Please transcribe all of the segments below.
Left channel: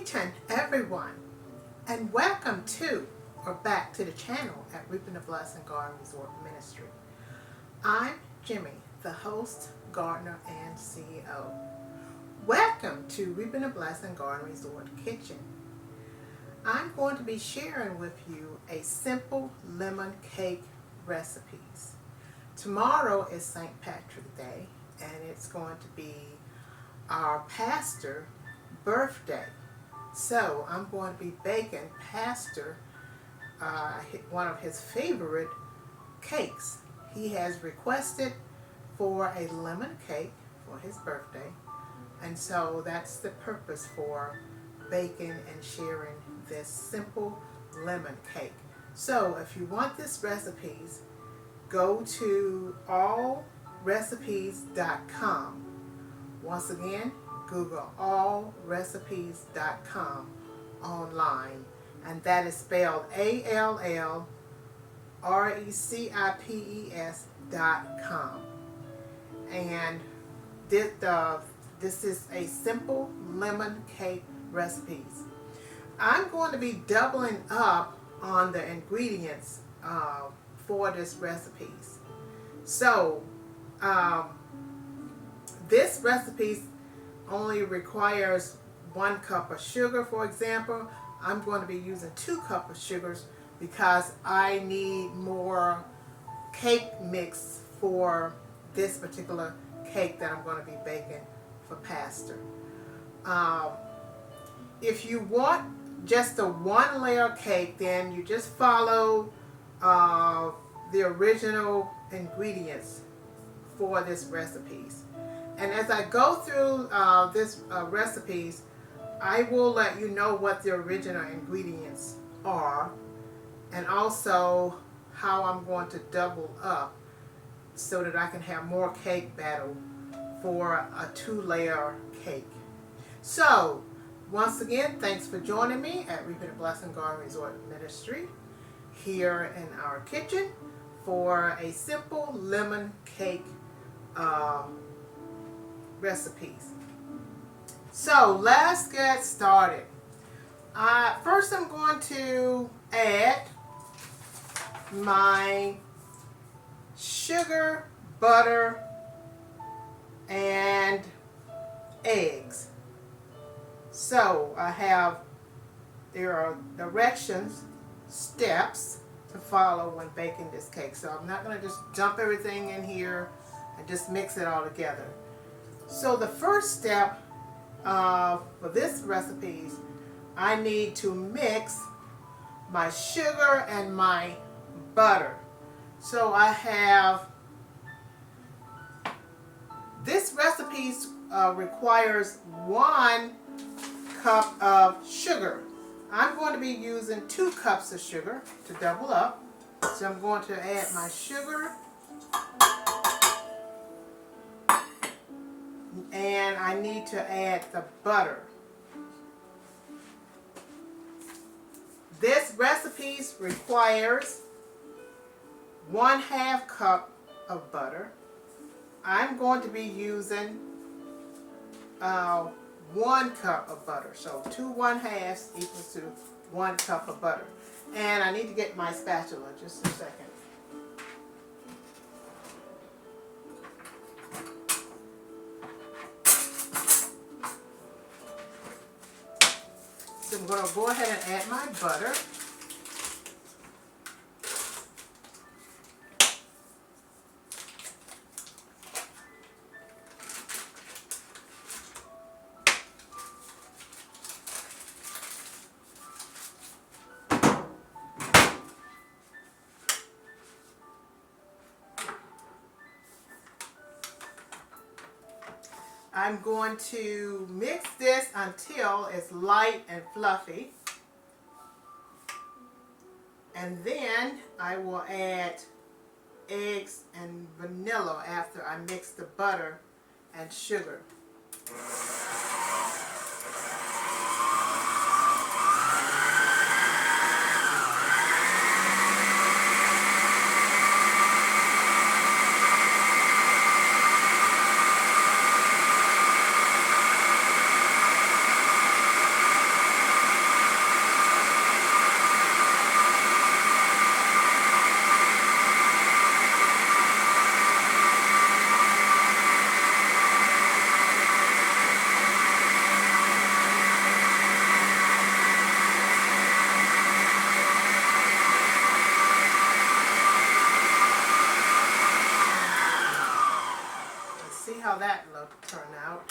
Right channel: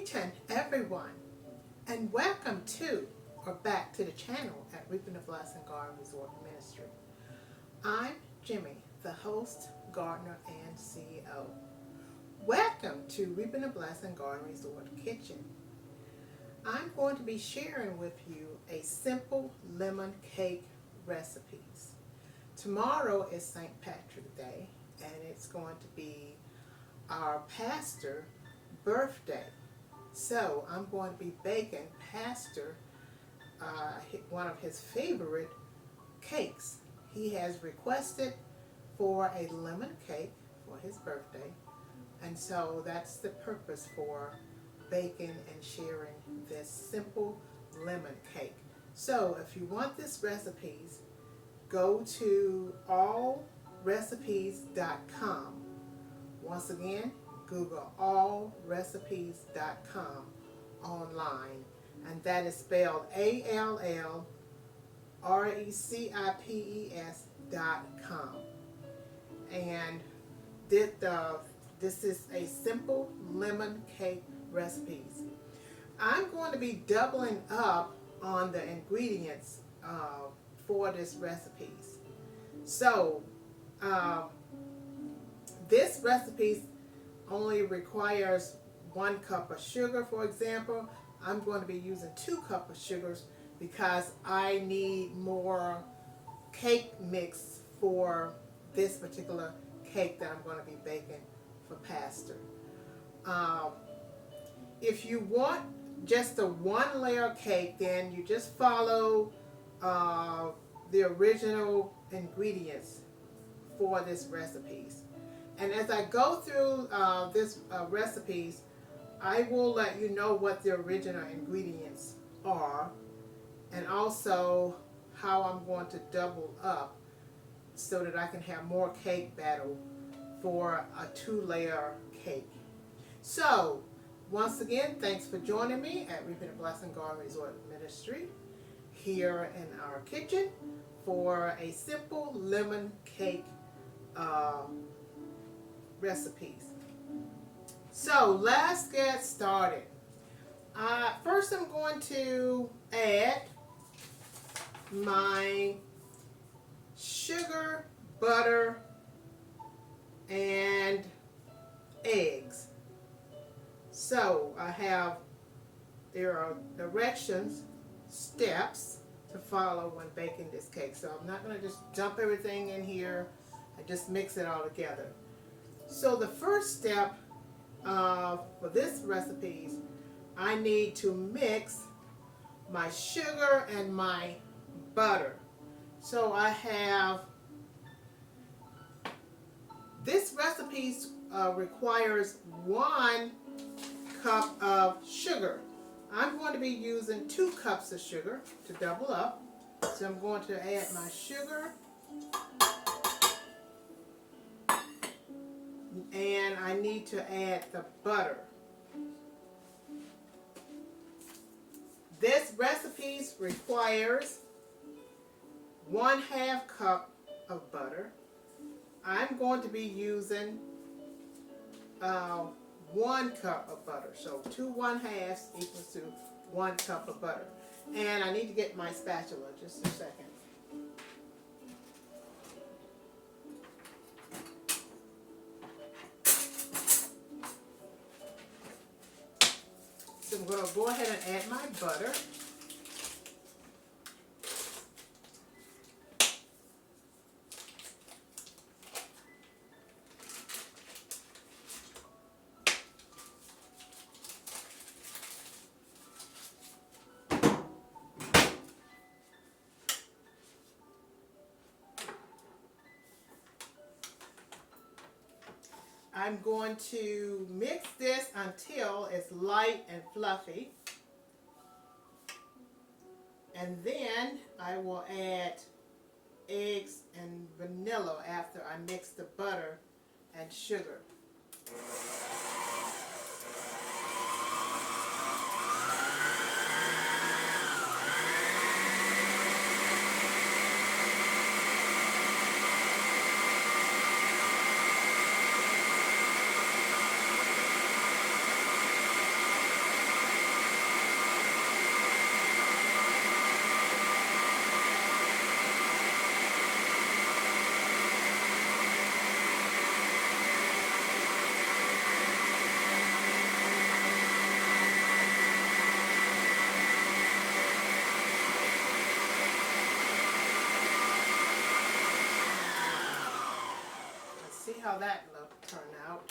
Greeting everyone, and welcome to or back to the channel at Reaping the Blessing Garden Resort Ministry. I'm Jimmy, the host, gardener, and CEO. Welcome to Reaping the Blessing Garden Resort Kitchen. I'm going to be sharing with you a simple lemon cake recipes. Tomorrow is St. Patrick's Day, and it's going to be our pastor's birthday. So I'm going to be baking Pastor one of his favorite cakes. He has requested for a lemon cake for his birthday, and so that's the purpose for baking and sharing this simple lemon cake. So if you want this recipes, go to allrecipes.com. Once again, Google allrecipes.com online, and that is spelled allrecipes.com. And this is a simple lemon cake recipes. I'm going to be doubling up on the ingredients for this recipes. So this recipe only requires 1 cup of sugar. For example, I'm going to be using 2 cups of sugars because I need more cake mix for this particular cake that I'm going to be baking for Pastor. If you want just a 1-layer cake, then you just follow the original ingredients for this recipes. And as I go through this recipes, I will let you know what the original ingredients are, and also how I'm going to double up so that I can have more cake batter for a 2-layer cake. So once again, thanks for joining me at Reaping the Blessing Garden Resort Ministry here in our kitchen for a simple lemon cake recipes. So let's get started. First I'm going to add my sugar, butter, and eggs. So there are directions, steps to follow when baking this cake. So I'm not going to just dump everything in here and just mix it all together. So the first step for this recipe, I need to mix my sugar and my butter. So I have, this recipe requires 1 cup of sugar. I'm going to be using 2 cups of sugar to double up. So I'm going to add my sugar, and I need to add the butter. This recipe requires 1/2 cup of butter. I'm going to be using 1 cup of butter. So 2 1/2 equals to 1 cup of butter. And I need to get my spatula just a second. So I'm going to go ahead and add my butter. I'm going to mix this until it's light and fluffy, and then I will add eggs and vanilla after I mix the butter and sugar. that turned out.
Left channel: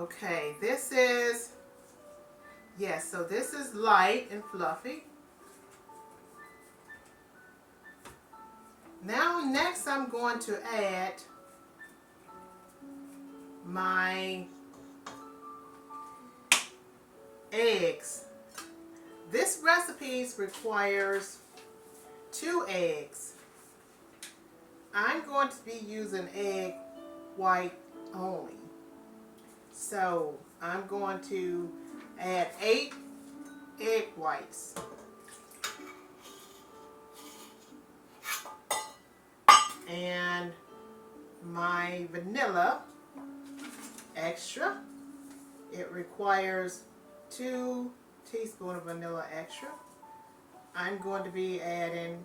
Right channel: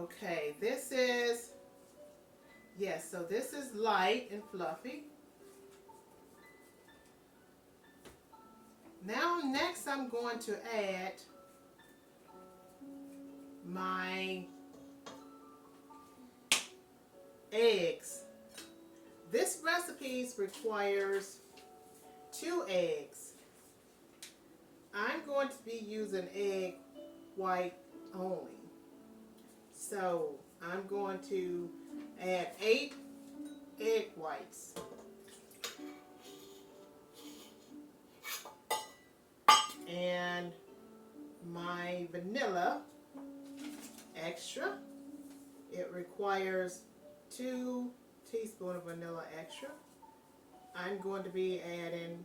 Okay, this is, yes, so this is light and fluffy. Now next I'm going to add my eggs. This recipe requires 2 eggs. I'm going to be using egg white only. So I'm going to add 8 egg whites. And my vanilla extra. It requires 2 teaspoons of vanilla extra. I'm going to be adding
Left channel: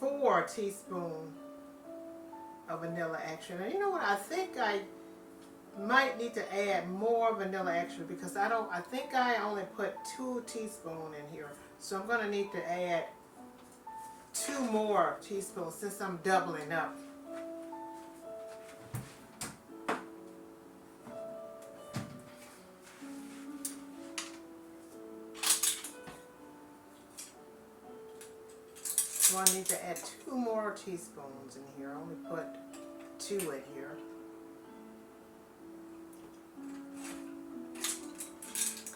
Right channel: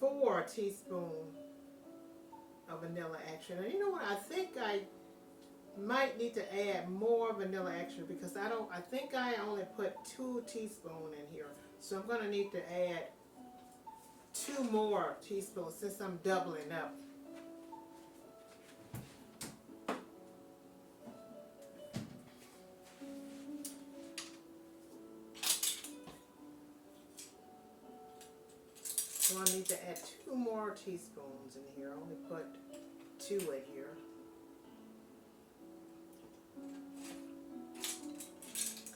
4 teaspoons of vanilla extra. Now, you know what? I think I might need to add more vanilla extra because I think I only put 2 teaspoons in here. So I'm going to need to add 2 more teaspoons since I'm doubling up. So I need to add 2 more teaspoons in here. I only put 2 in here.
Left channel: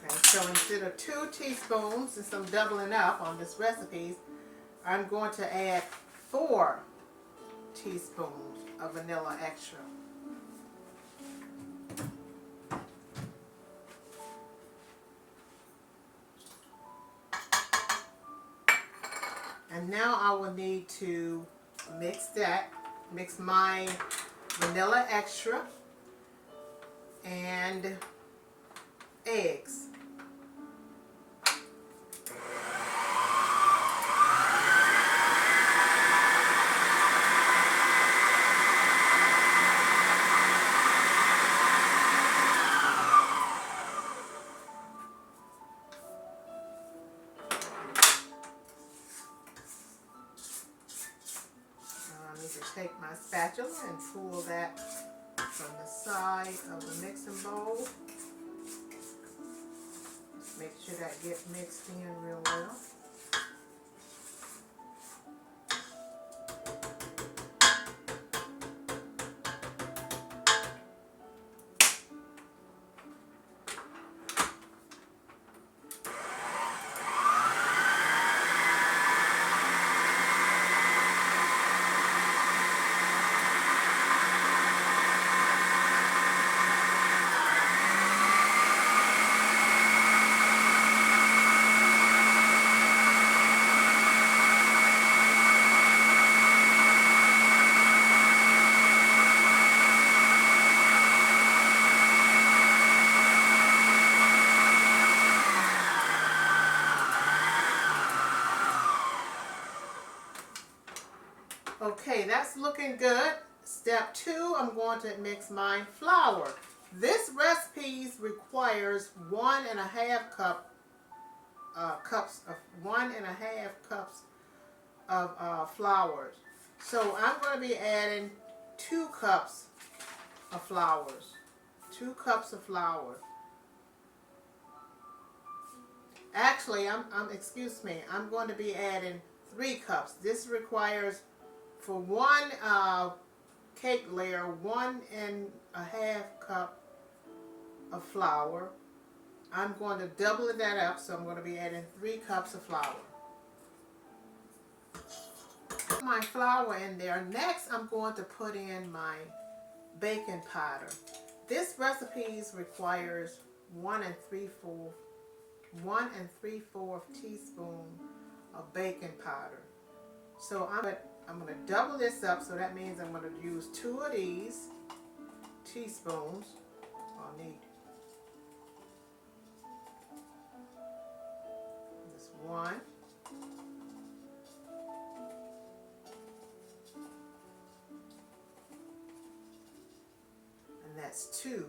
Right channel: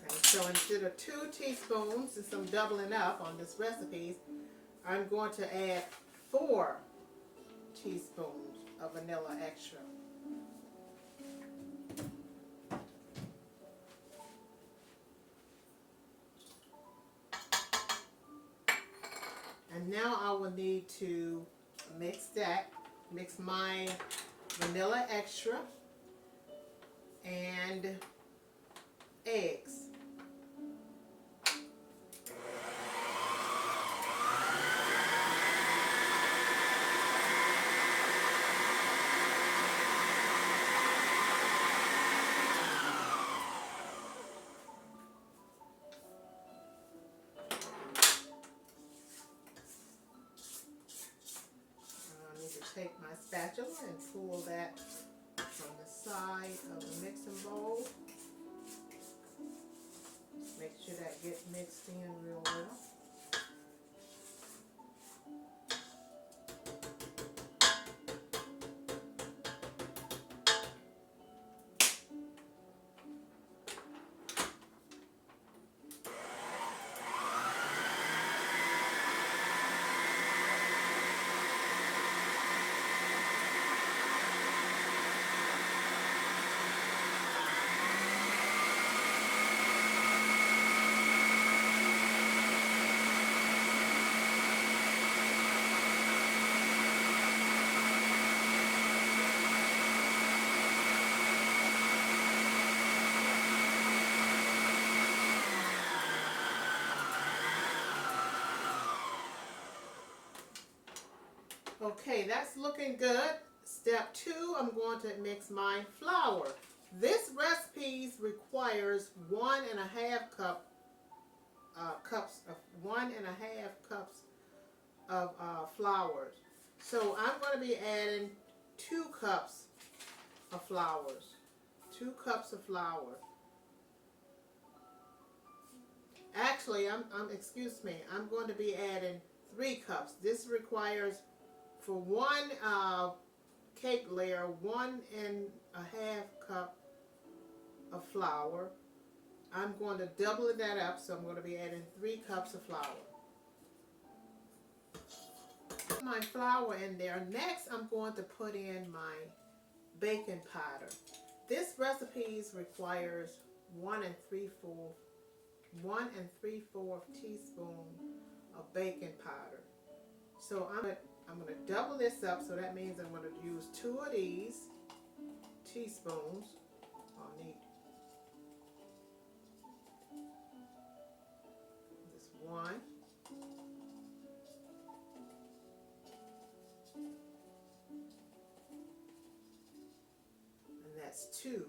Okay, so instead of 2 teaspoons, since I'm doubling up on this recipe, I'm going to add 4 teaspoons of vanilla extra. And now I will need to mix my vanilla extra and eggs. Take my spatula and pull that from the side of the mixing bowl. Just make sure that gets mixed in real well. Okay, that's looking good. Step 2, I'm going to mix my flour. This recipe requires 1.5 cups of flour. So I'm going to be adding 2 cups of flour. 2 cups of flour. Actually, excuse me, I'm going to be adding 3 cups. This requires for 1 cake layer, 1.5 cup of flour. I'm going to double that up, so I'm going to be adding 3 cups of flour. Put my flour in there. Next, I'm going to put in my baking powder. This recipe requires 1 3/4 teaspoon of baking powder. So I'm going to double this up, so that means I'm going to use 2 of these teaspoons. I'll need this 1. And that's 2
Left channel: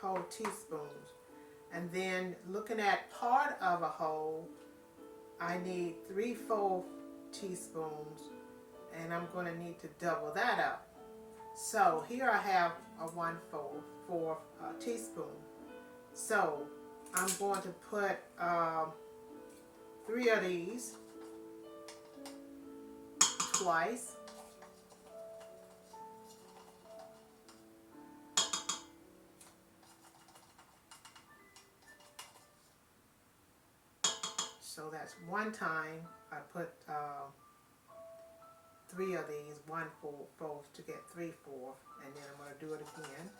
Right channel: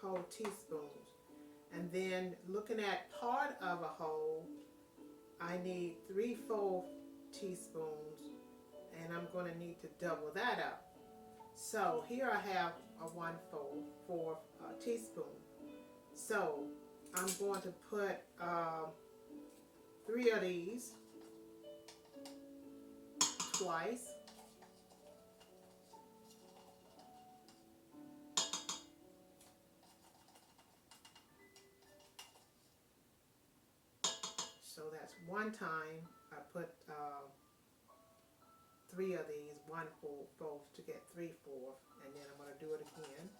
whole teaspoons. And then looking at part of a whole, I need 3/4 teaspoons. and I'm going to need to double that up. So here I have a 1/4 teaspoon. So I'm going to put 3 of these twice. So that's one time I put 3 of these 1/4 to get 3/4, and then I'm going to do it again.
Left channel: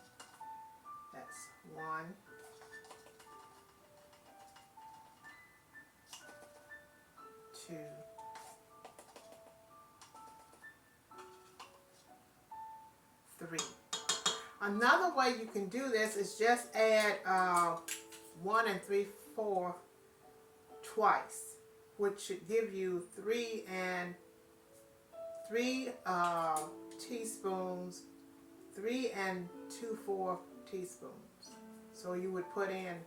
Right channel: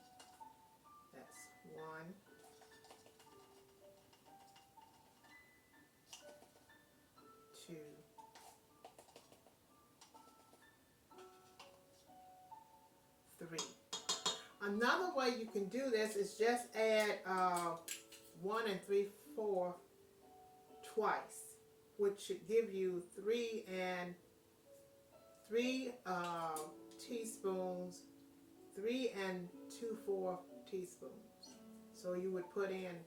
That's 1, 2, 3. Another way you can do this is just add 1 3/4 twice, which should give you 3 teaspoons, 3 2/4 teaspoons. So you would put in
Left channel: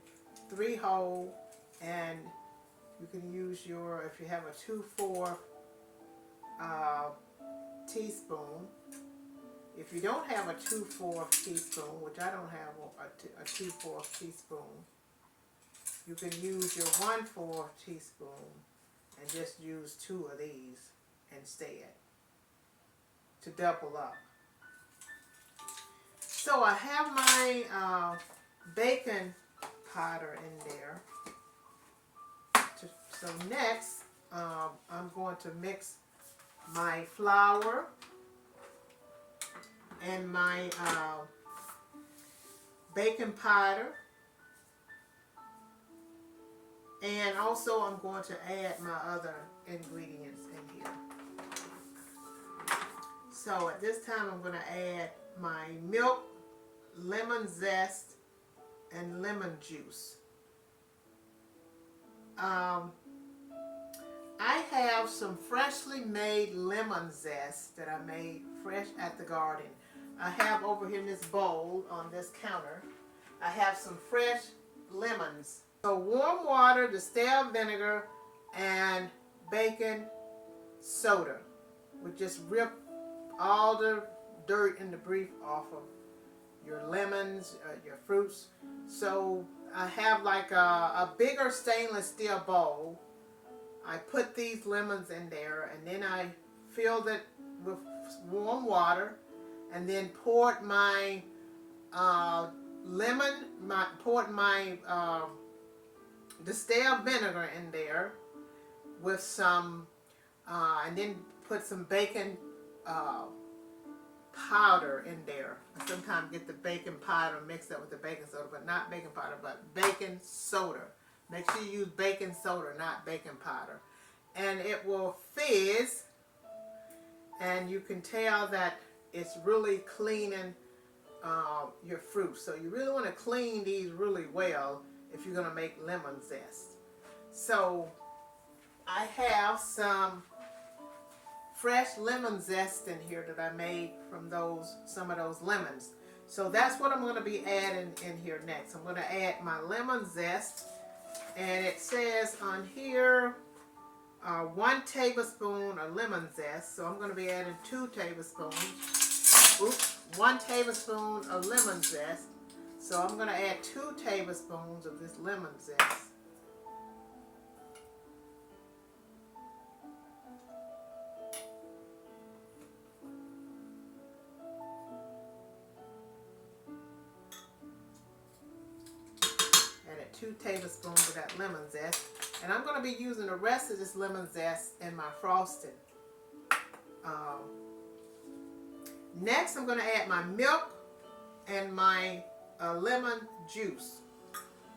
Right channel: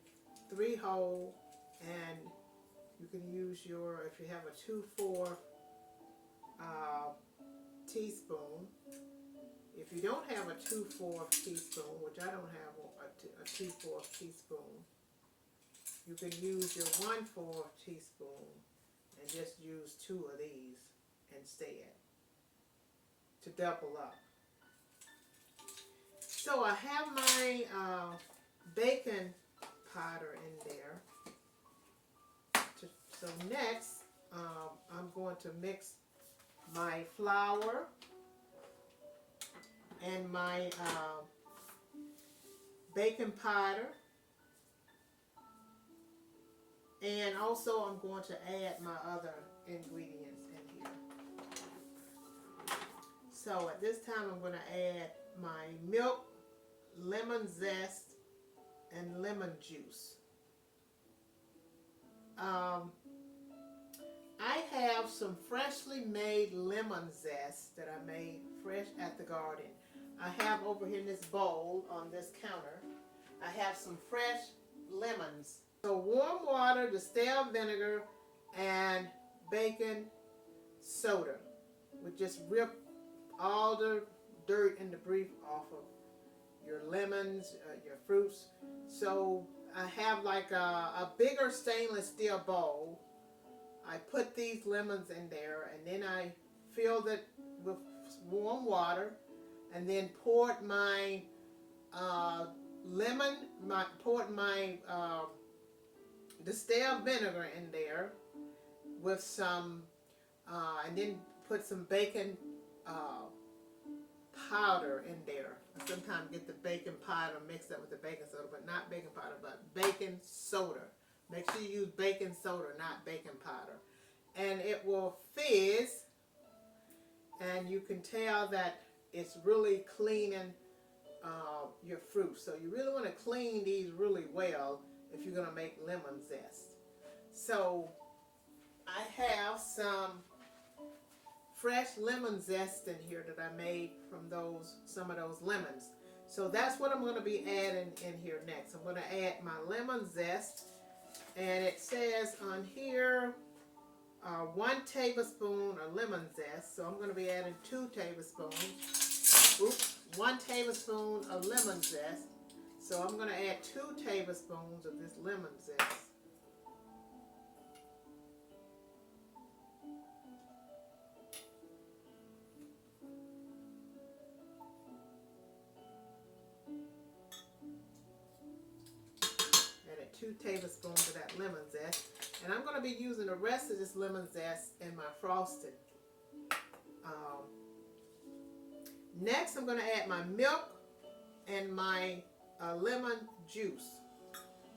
3 whole, and you can use your, if you have a 2/4 teaspoon. If you don't have a 2/4 teaspoon, which I don't have a 2/4 teaspoon, you can use your 1/4 teaspoon and just use 2 of these instead to double up. So I have my baking powder in there. So next, I'm going to mix my flour and my baking powder, and also I'm going to add my other ingredients in here. So at this time I'm going to add my milk, lemon zest, and lemon juice. I have some freshly made lemon zest that I made fresh at the garden. I have over here in this bowl on this counter, I have some fresh lemons. So warm water, distilled vinegar, and baking soda would just rip all the dirt and debris off of your lemons, your fruits. So I have like a bigger stainless steel bowl. I put these lemons in there, and then I filled it with warm water, and then poured my poured my distilled vinegar in there with some, and then put some baking powder in there. I sometimes get the baking powder mixed up with the baking soda, but not baking powder, but baking soda. Make sure you use baking soda, not baking powder. And it will fizz, and you can tell that it's really cleaning your fruit. So you really want to clean these really well if you're going to make lemon zest. So I have some fresh lemon zest in here that I made from some of those lemons. So that's what I'm going to be adding in here next. I'm going to add my lemon zest, and it says on here 1 tablespoon of lemon zest. So I'm going to be adding 2 tablespoons. Oops, 1 tablespoon of lemon zest. So I'm going to add 2 tablespoons of this lemon zest. Added 2 tablespoons of that lemon zest. And I'm going to be using the rest of this lemon zest in my frosting. Next, I'm going to add my milk and my lemon juice.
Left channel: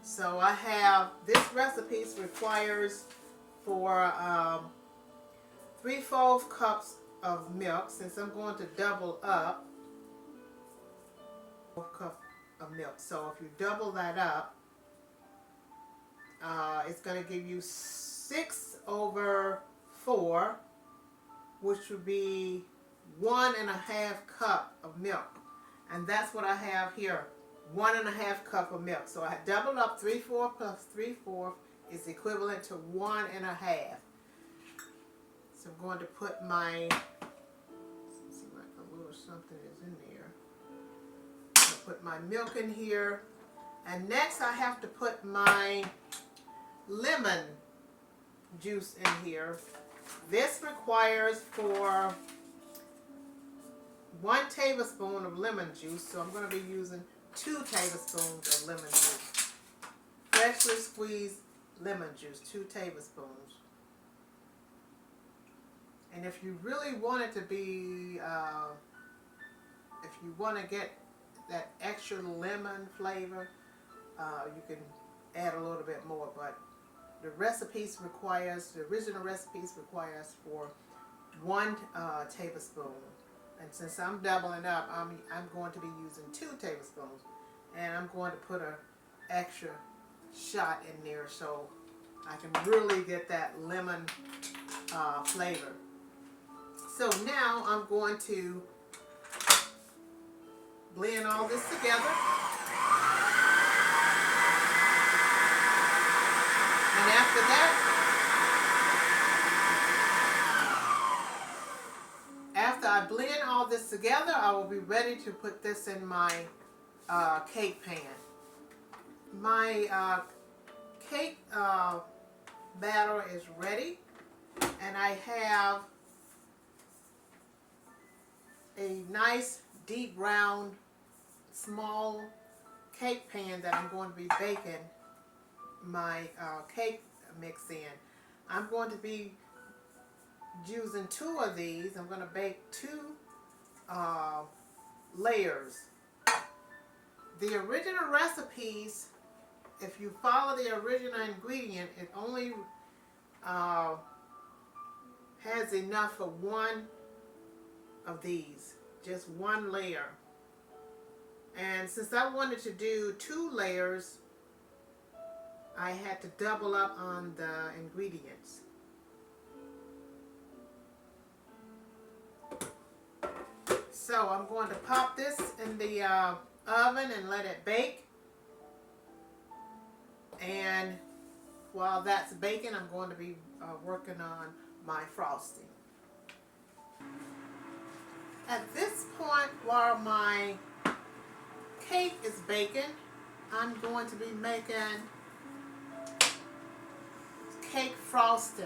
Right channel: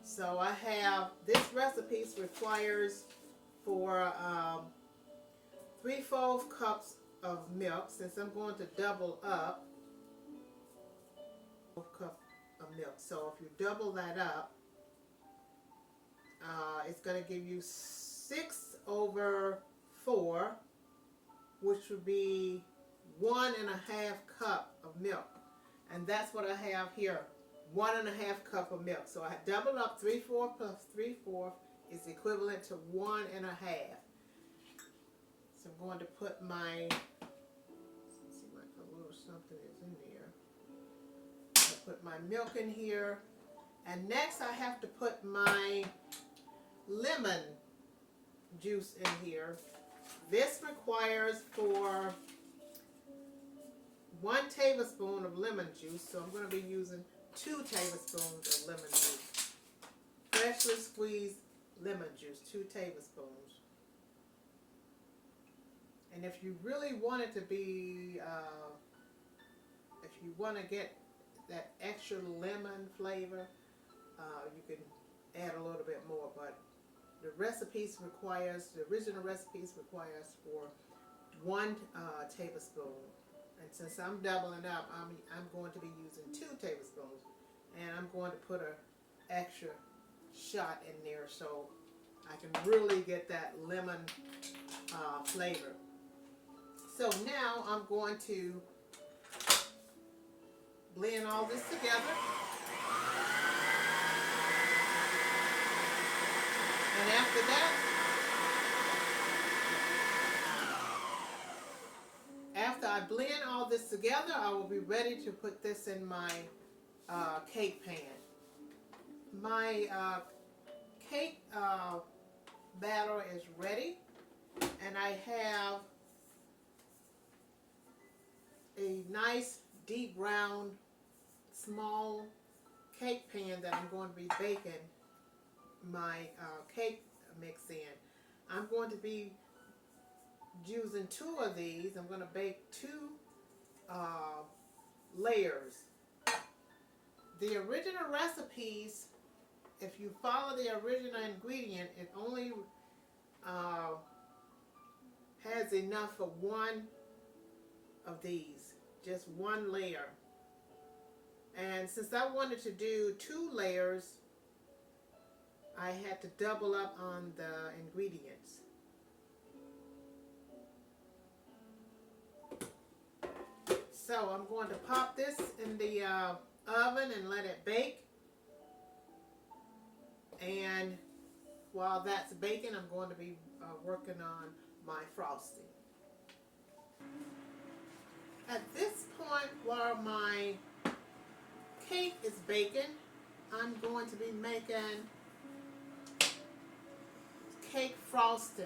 So I have, this recipe requires for 3/4 cups of milk. Since I'm going to double up, 4 cups of milk. So if you double that up, it's going to give you 6/4, which would be 1.5 cup of milk. And that's what I have here, 1.5 cup of milk. So I doubled up 3/4 plus 3/4 is equivalent to 1.5. So I'm going to put my my milk in here. And next I have to put my lemon juice in here. This requires for 1 tablespoon of lemon juice, so I'm going to be using 2 tablespoons of lemon juice. Freshly squeezed lemon juice, 2 tablespoons. And if you really want it to be, if you want to get that extra lemon flavor, you can add a little bit more, but the original recipes requires for 1 tablespoon. And since I'm doubling up, I'm going to be using 2 tablespoons. And I'm going to put an extra shot in there so I can really get that lemon flavor. So now I'm going to blend all this together. And after that, after I blend all this together, I will be ready to put this in my cake pan. My cake batter is ready, and I have a nice deep round small cake pan that I'm going to be baking my cake mix in. I'm going to be using 2 of these. I'm going to bake 2 layers. The original recipes, if you follow the original ingredient, it only has enough for 1 of these, just 1 layer. And since I wanted to do 2 layers, I had to double up on the ingredients. So I'm going to pop this in the oven and let it bake. And while that's baking, I'm going to be working on my frosting. At this point, while my cake is baking, I'm going to be making cake frosting.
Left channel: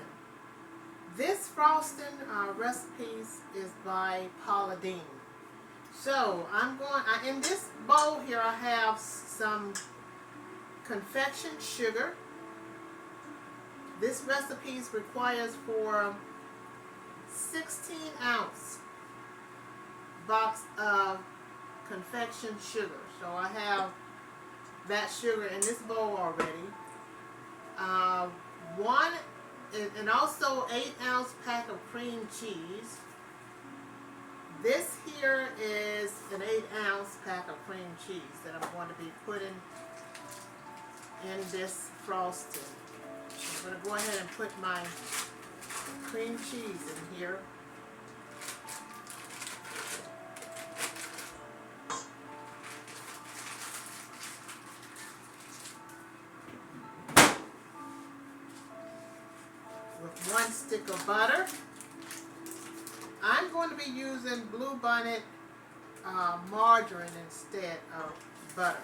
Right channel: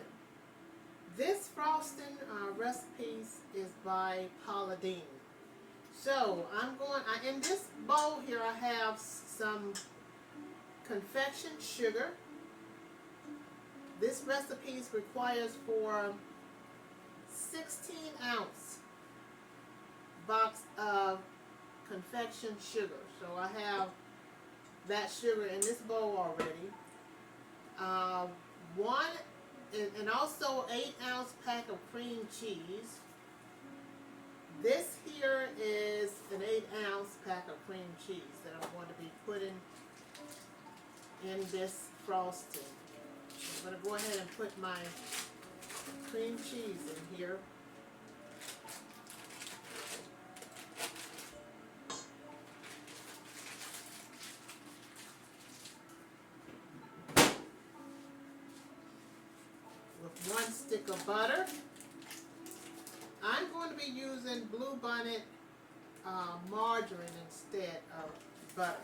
This frosting recipe is by Paula Deen. So in this bowl here I have some confection sugar. This recipe requires for 16-ounce box of confection sugar. So I have that sugar in this bowl already. And also 8-ounce pack of cream cheese. This here is an 8-ounce pack of cream cheese that I'm going to be putting in this frosting. I'm going to go ahead and put my cream cheese in here. With 1 stick of butter. I'm going to be using Blue Bonnet margarine instead of butter.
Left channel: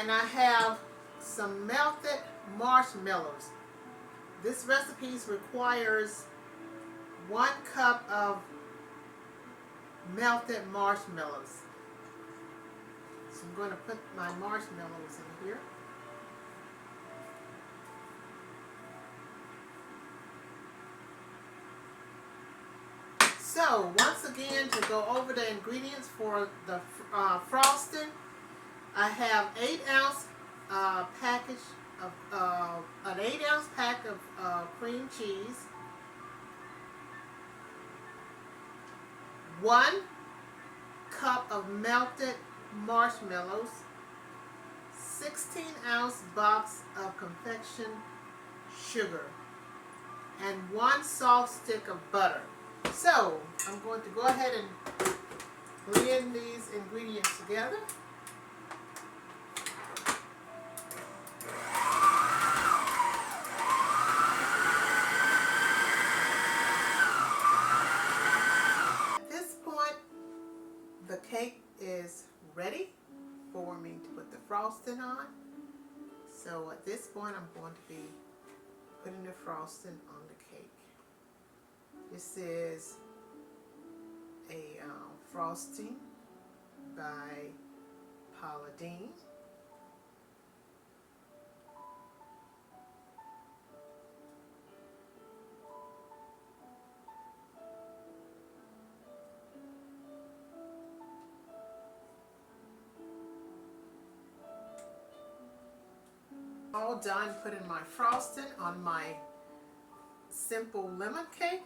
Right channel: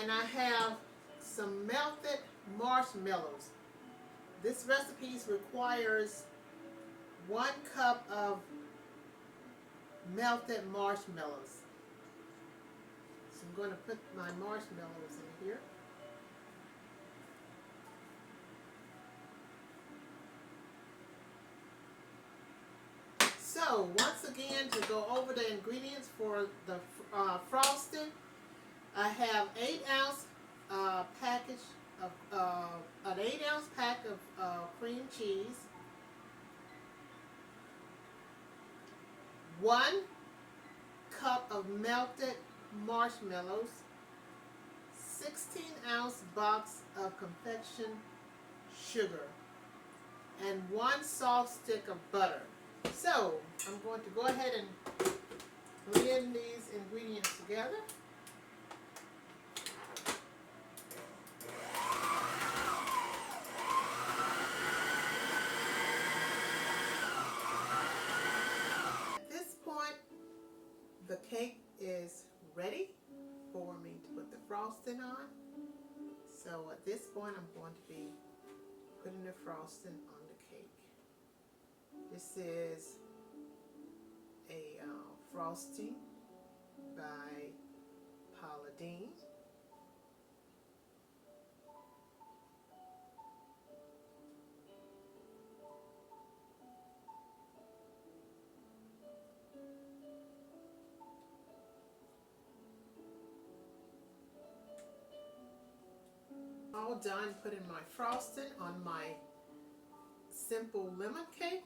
And I have some melted marshmallows. This recipe requires 1 cup of melted marshmallows. So I'm going to put my marshmallows in here. So once again, to go over the ingredients for the frosting, I have 8-ounce package of an 8-ounce pack of cream cheese, 1 cup of melted marshmallows, 16-ounce box of confection sugar, and 1 soft stick of butter. So I'm going to go ahead and blend these ingredients together. At this point, the cake is ready for me to put the frosting on. So at this point, I'm going to be putting the frosting on the cake. This is a frosting by Paula Deen. All done putting my frosting on my simple lemon cake,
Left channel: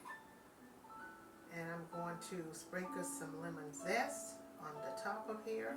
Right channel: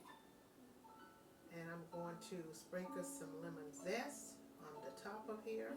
and I'm going to sprinkle some lemon zest on the top of here.